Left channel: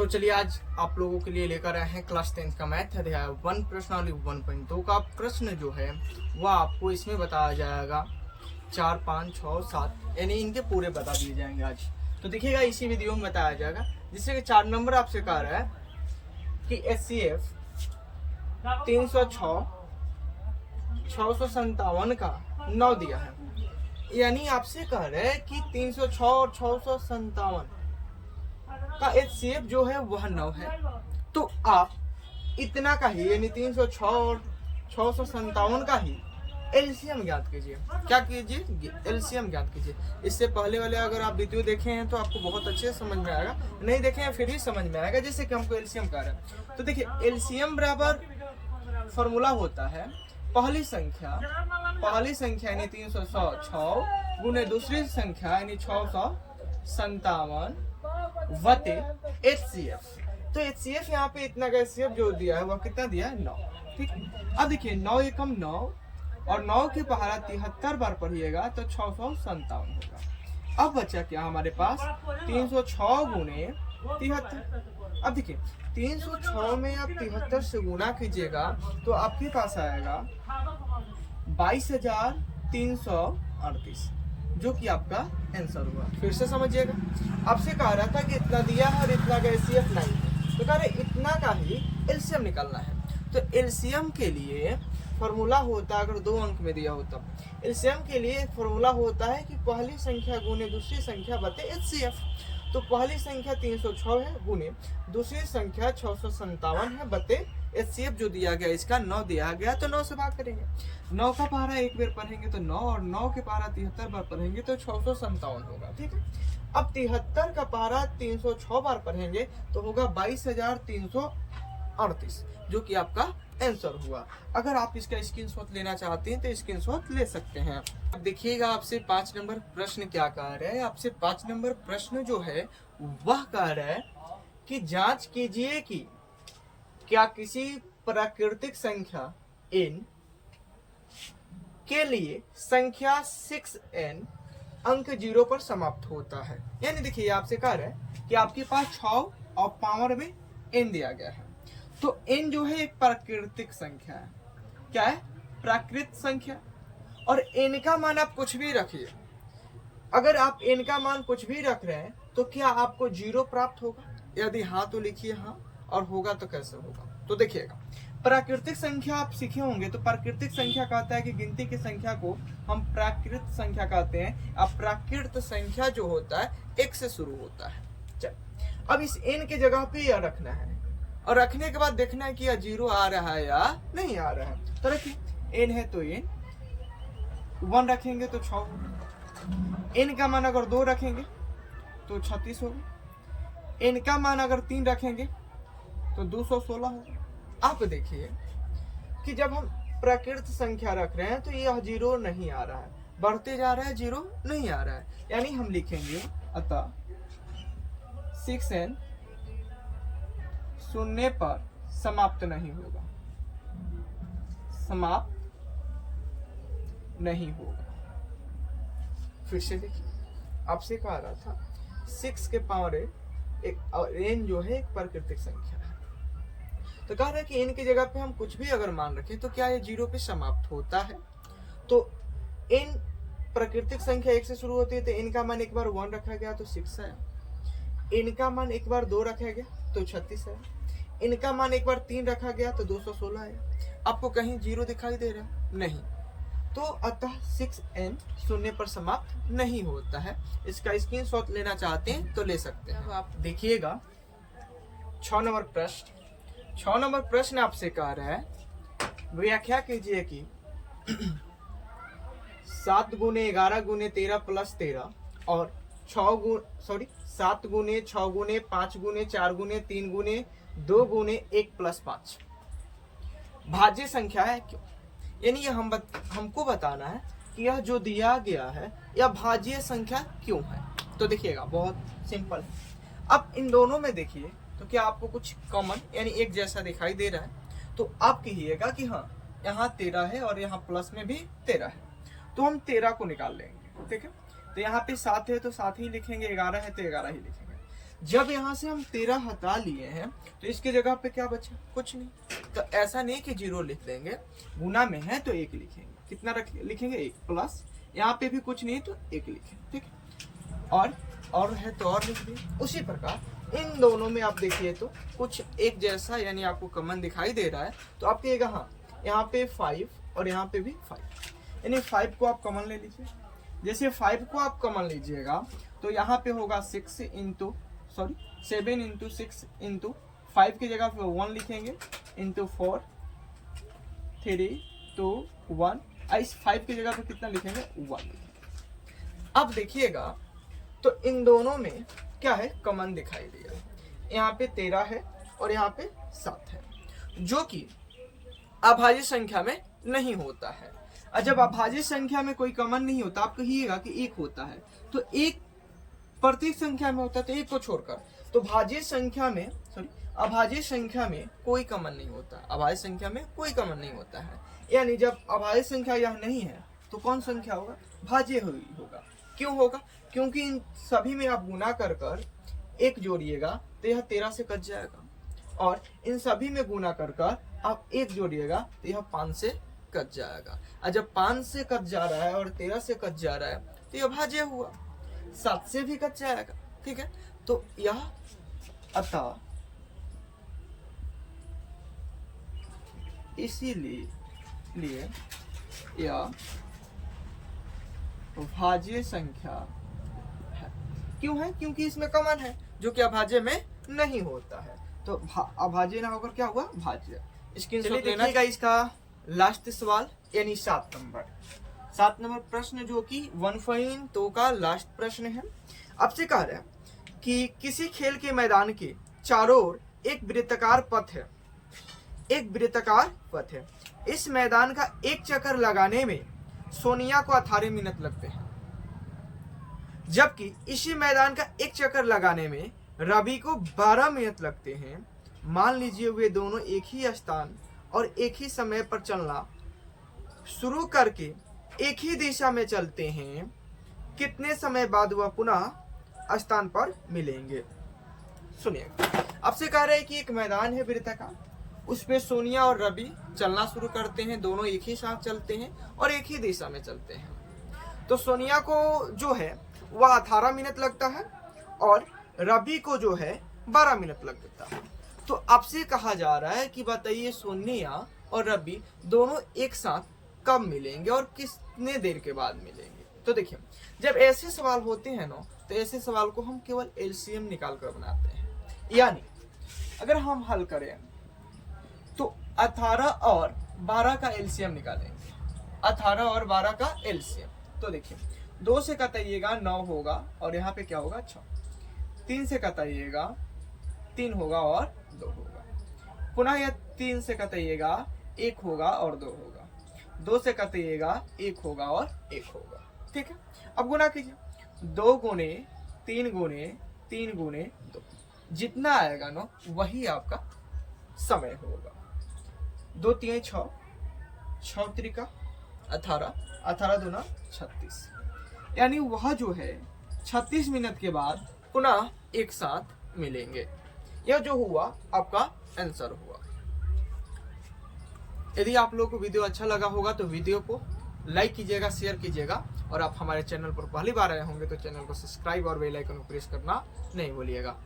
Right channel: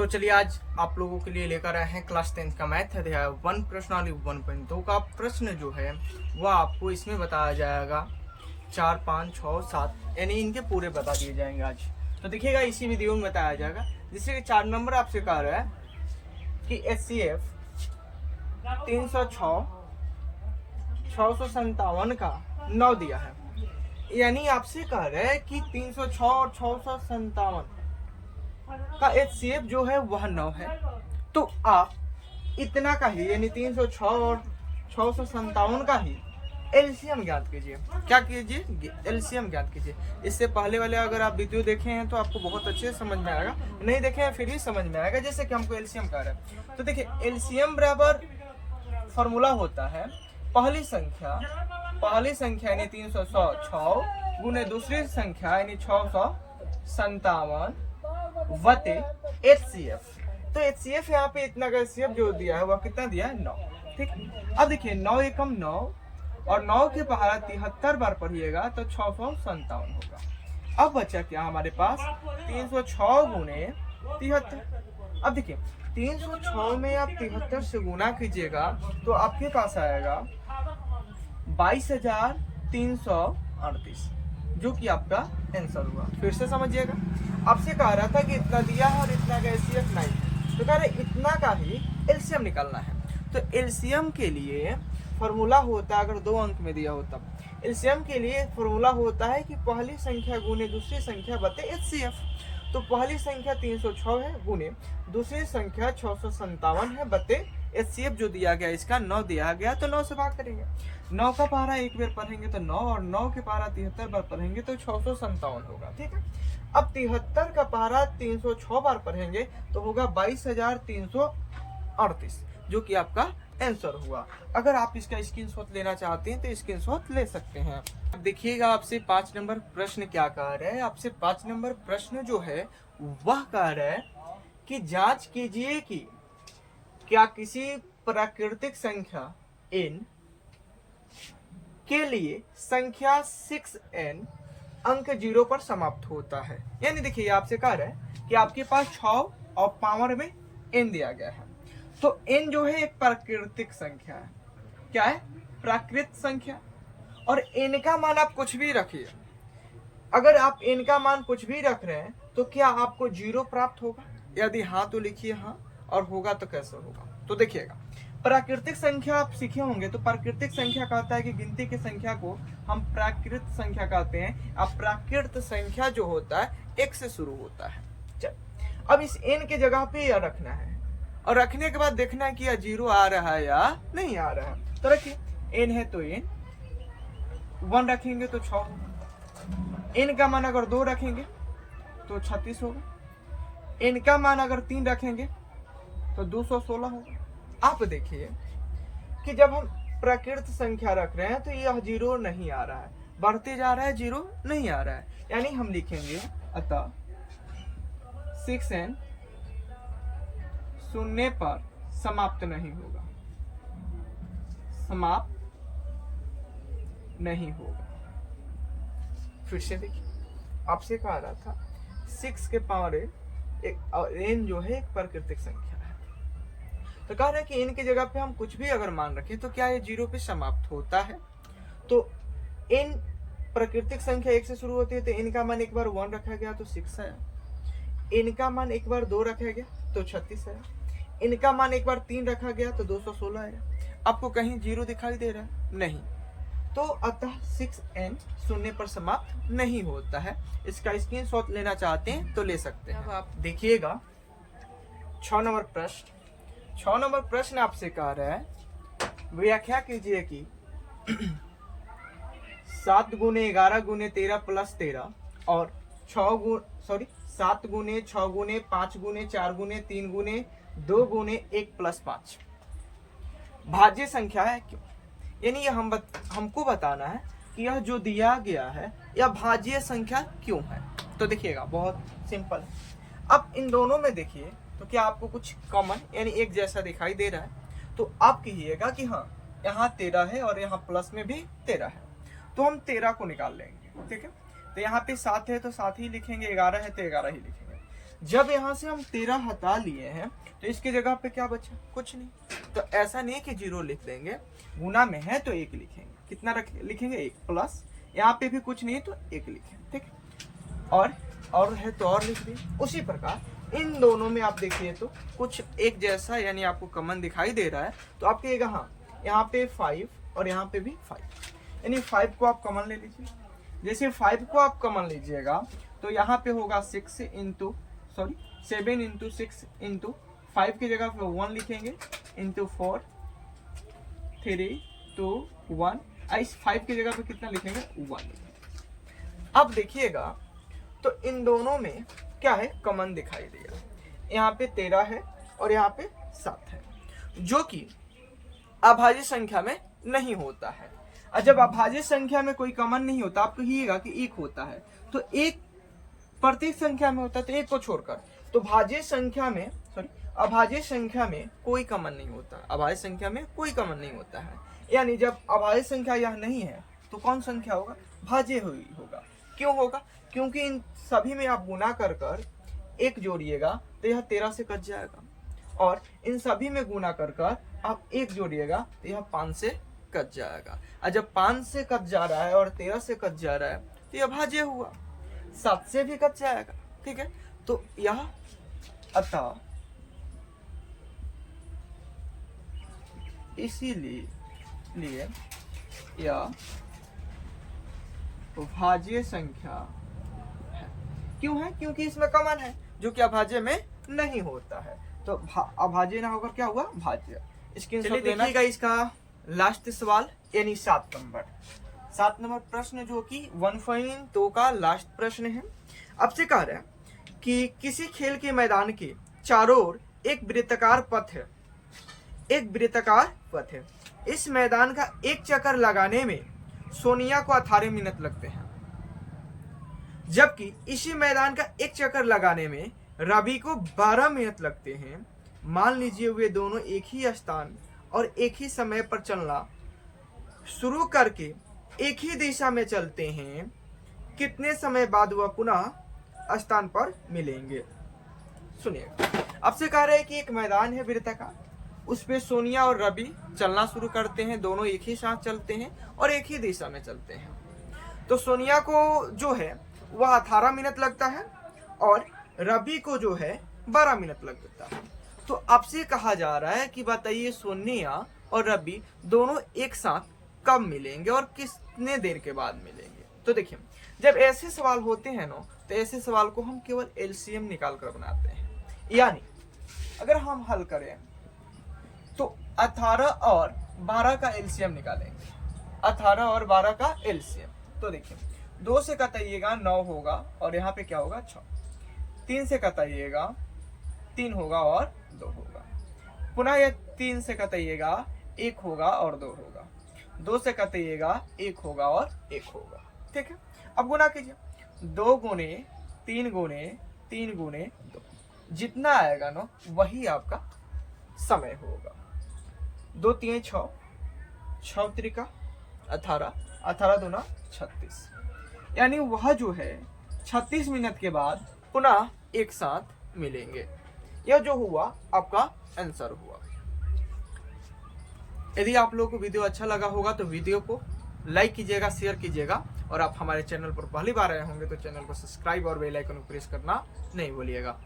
तो चलिए आज आप लोगों के लिए लेकर आए हैं क्लास 10 का मैथ अध्याय 1 प्रश्नावली 1.2 का प्रश्न जो है वह आपको इसमें बताया जाएगा। 4, 5, 6, 7 यानी इनके पूरे बता दिए जाएंगे आज। तो देखिएगा इसी वीडियो में बताया जाएगा। जिससे कि 4 नंबर आपसे कह रहा है कि HCF 306 657 का 9 दिया है। यानी आपसे कह रहे हैं कि 306 और 657 का HCF जो है वह 9 है। तो आप इतना का ही यानी 306 और 657 का ही एलसीएम ज्ञात कीजिए। क्या कीजिए? एलसीएम ज्ञात कीजिए। इससे पहले वाले अगर आप वीडियो देखे हैं तो आपको बहुत अच्छे से समझ में आएगा, नहीं देखे हैं फिर भी समझ में आएगा। जैसे कि हमको एलसीएम कह रहे हैं तो देखिए एलसीएम बराबर फॉर्मूला होता है पहली संख्या यानी 306 गुने दूसरी संख्या यानी 657 वते HCF। तो HCF यहाँ पे इतना का HCF जो दिया है वह कितना दिया है? 9। ठीक, अब देखिए 9 एकम 9 और 9 के पहाड़ा 73 बार पढ़िएगा तो 657 होगा। अब बचा क्या हमारे पास? 306 गुने 73। अब देखिए 306 में आप 73 से गुना कीजिएगा तो आपके पास आएगा 22,338 जो कि आपका आंसर हुआ। फिर से समझिएगा, आपसे कह रहा था कि इतना दिया है और इतना का HCF नहीं है तो कह रहे इतना का ही एलसीएम निकालना है। तो एलसीएम के लिए फॉर्मूला होता है, अगर 2 अंक में दिया होता एलसीएम के लिए फॉर्मूला होता है कि पहली संख्या गुने दूसरी संख्या बटे HCF। तो पहली संख्या 306 है गुने दूसरी संख्या 657 है बटे HCF जो दिया गया इसका 9 दिया गया तो 9 से भाग करेंगे। 9 का पहाड़ा एक बार पढ़ेंगे तो 9 और 9 के पहाड़ा 73 बार पढ़ेंगे तो 657 होगा। ठीक है, अब 73 का पहाड़ा 306 बार पढ़ेंगे तो होगा 22,338 जो कि आपका आंसर हुआ। अगर आप इसका स्क्रीनशॉट लेना चाहते हैं तो स्क्रीनशॉट ले सकते हैं। अब देखिएगा आपसे 5 नंबर प्रश्न क्या कह रहा है। आपसे 5 नंबर प्रश्न जो है वह कह रहा है कि जांच कीजिए कि क्या किसी प्राकृतिक संख्या n के लिए संख्या 6n अंक 0 पर समाप्त होता है। यानी देखिए आपसे कह रहा है कि आपके पास 6 और पावर में n दिया गया है। तो n जो है एक प्राकृतिक संख्या है। क्या है? प्राकृत संख्या। और n का मान आप कुछ भी रखिए। अगर आप n का मान कुछ भी रख रहे हैं तो क्या आपको 0 प्राप्त होगा? यदि हाँ तो लिखिए हाँ, और होगा तो कैसे होगा। तो देखिएगा प्राकृतिक संख्या आप सीखे होंगे तो प्राकृतिक संख्या कहता है कि गिनती की संख्या को हम प्राकृत संख्या कहते हैं। अब प्राकृत संख्या जो होता है 1 से शुरू होता है। चल अब इस n के जगह पे यह रखना है और रखने के बाद देखना है कि यह 0 आ रहा है या नहीं आ रहा है। तो रखिए n है तो n 1 रखेंगे तो 6 होगा। n का मान अगर 2 रखेंगे तो 36 होगा। n का मान अगर 3 रखेंगे तो 216 होगा। आप देखिए कि जब हम प्राकृत संख्या रख रहे हैं तो यह 0 नहीं आ रहा है, बढ़ते जा रहा है, 0 नहीं आ रहा है। यानी हम लिखेंगे अतः 6n शून्य पर समाप्त नहीं होगा, समाप्त नहीं होगा। फिर से देखिए आपसे कहा रहा था 6 के पावर एक n जो है एक प्राकृतिक संख्या है। तो कह रहा है कि n की जगह पे हम कुछ भी अगर मान रखें तो क्या ये 0 पे समाप्त होता है। तो n प्राकृतिक संख्या 1 से शुरू होती है तो n का मान एक बार 1 रखा गया तो 6 आया। n का मान एक बार 2 रखा गया तो 36 आया। n का मान एक बार 3 रखा गया तो 216 आया। आपको कहीं 0 दिखाई दे रहा है? नहीं। तो अतः 6n शून्य पर समाप्त नहीं होता है। इसका स्क्रीनशॉट लेना चाहते हैं तो ले सकते हैं। अब आप देखिएगा 6 नंबर प्रश्न आपसे कह रहा है व्याख्या कीजिए कि 7 गुने 11 गुने 13 प्लस 13 और 7 गुने 6 गुने 5 गुने 4 गुने 3 गुने 2 गुने 1 प्लस 5 भाज्य संख्या है क्यों? यानी हमको बताना है कि यह जो दिया गया है यह भाज्य संख्या क्यों है। तो देखिएगा बहुत सिंपल। अब इन दोनों में देखिए तो क्या आपको कुछ कॉमन यानी एक जैसा दिखाई दे रहा है? तो आप कहिएगा कि हाँ यहाँ 13 है और यहाँ प्लस में भी 13 है तो हम 13 को निकाल लेंगे। ठीक है, तो यहाँ पे 7 है तो 7 ही लिखेंगे, 11 है तो 11 ही लिखेंगे। जब यहाँ से हम 13 हटा लिए हैं तो इसकी जगह पे क्या बचा, कुछ नहीं। तो ऐसा नहीं कि 0 लिख देंगे, गुना में है तो 1 लिखेंगे। कितना लिखेंगे 1 प्लस, यहाँ पे भी कुछ नहीं तो 1 लिखेंगे, ठीक। और है तो और लिख दिए। उसी प्रकार इन दोनों में आप देखिए तो कुछ एक जैसा यानी आपको कॉमन दिखाई दे रहा है, तो आप कहिएगा हाँ यहाँ पे 5 और यहाँ पे भी 5, यानी 5 को आप कॉमन ले लीजिए। जैसे 5 को आप कॉमन लीजिएगा तो यहाँ पे होगा 7 इंटू 6 इंटू 5 की जगह पे 1 लिखेंगे, इंटू 4 3 2 1, इस 5 की जगह पे कितना लिखेंगे 1 लिखेंगे। अब देखिएगा तो इन दोनों में क्या है, कॉमन दिखाई दे रहा है। यहाँ पे 13 है और यहाँ पे 7 है, जो कि अभाज्य संख्या में नहीं होता है। और जब अभाज्य संख्या में कोई कॉमन नहीं होता, आप कहिएगा कि 1 होता है, तो 1 प्रत्येक संख्या में होता है, तो 1 को छोड़कर। तो अभाज्य संख्या में कोई कॉमन नहीं होता, अभाज्य संख्या में कोई कॉमन नहीं होता है। यानी जब अभाज्य संख्या यह नहीं है तो कौन संख्या होगा, भाज्य होगा। क्यों होगा, क्योंकि इन सभी में आप गुना कर 1 जोड़िएगा तो यह 13 से कट जाएगा, और इन सभी में गुना कर आप 1 जोड़िएगा तो यह 5 से कट जाएगा। और जब 5 से कट जा रहा है और 13 से कट जा रहा है तो यह भाज्य हुआ, 7 से भी कट जाएगा, ठीक है। तो यह अतः इसीलिए यह भाज्य संख्या है। क्यों है, क्योंकि इसमें कॉमन है, जो कि अभाज्य में नहीं होता है। तो अभाज्य ना होकर क्या हुआ, भाज्य। चलिए देखिएगा इसका लास्ट सवाल, यानी 7 नंबर प्रश्न, जो कि 1.2 का लास्ट प्रश्न है। आपसे कह रहा है कि किसी खेल के मैदान के चारों ओर एक वृत्ताकार पथ है। इस मैदान का एक चक्कर लगाने में सोनिया को 18 मिनट लगते हैं, जबकि इसी मैदान का एक चक्कर लगाने में रवि को 12 मिनट लगते हैं। मान लीजिए वे दोनों एक ही स्थान और एक ही समय पर चलना शुरू करके एक ही दिशा में चलते हैं, कितने समय बाद वह पुनः स्थान पर मिलेंगे। सुनिएगा, आपसे कह रहे हैं कि एक मैदान है वृत्ताकार, उस पे सोनिया और रवि चलना शुरू करते हैं, दोनों एक ही साथ चलते हैं और एक ही दिशा में चलते हैं। तो सोनिया को जो है वह 18 मिनट लगता है और रवि को जो है 12 मिनट लगता है। तो आपसे कहा जा रहा है कि बताइए सोनिया और रवि दोनों एक साथ कब मिलेंगे और कितने देर के बाद मिलेंगे। तो देखिए, जब ऐसे सवाल होते हैं ना, तो ऐसे सवाल को हम केवल एलसीएम निकाल कर बनाते हैं। यानी अगर हम हल करें तो 18 और 12 का एलसीएम निकालेंगे, 18 और 12 का एलसीएम। तो देखिए, 2 से कटाइएगा 9 होगा और यहाँ पे क्या होगा 6, 3 से कटाइएगा 3 होगा और 2 होगा, पुनः यह 3 से कटाइएगा 1 होगा और 2 होगा, 2 से कटाइएगा 1 होगा और 1 होगा, ठीक है। अब गुना कीजिए, 2 गुने 3 गुने 3 गुने 2, जितना आएगा ना वही आपका समय होगा। 2 3 6, 6 त्रिका 18, 18 दूना 36, यानी वह जो है 36 मिनट के बाद पुनः एक साथ मिलेंगे। यह जो हुआ आपका आंसर हुआ। यदि आप लोगों को वीडियो अच्छा लगा होगा तो वीडियो को लाइक कीजिएगा, शेयर कीजिएगा, और आप हमारे चैनल पर पहली बार आए होंगे तो चैनल को सब्सक्राइब और बेल आइकन को प्रेस करना नहीं भूलिएगा।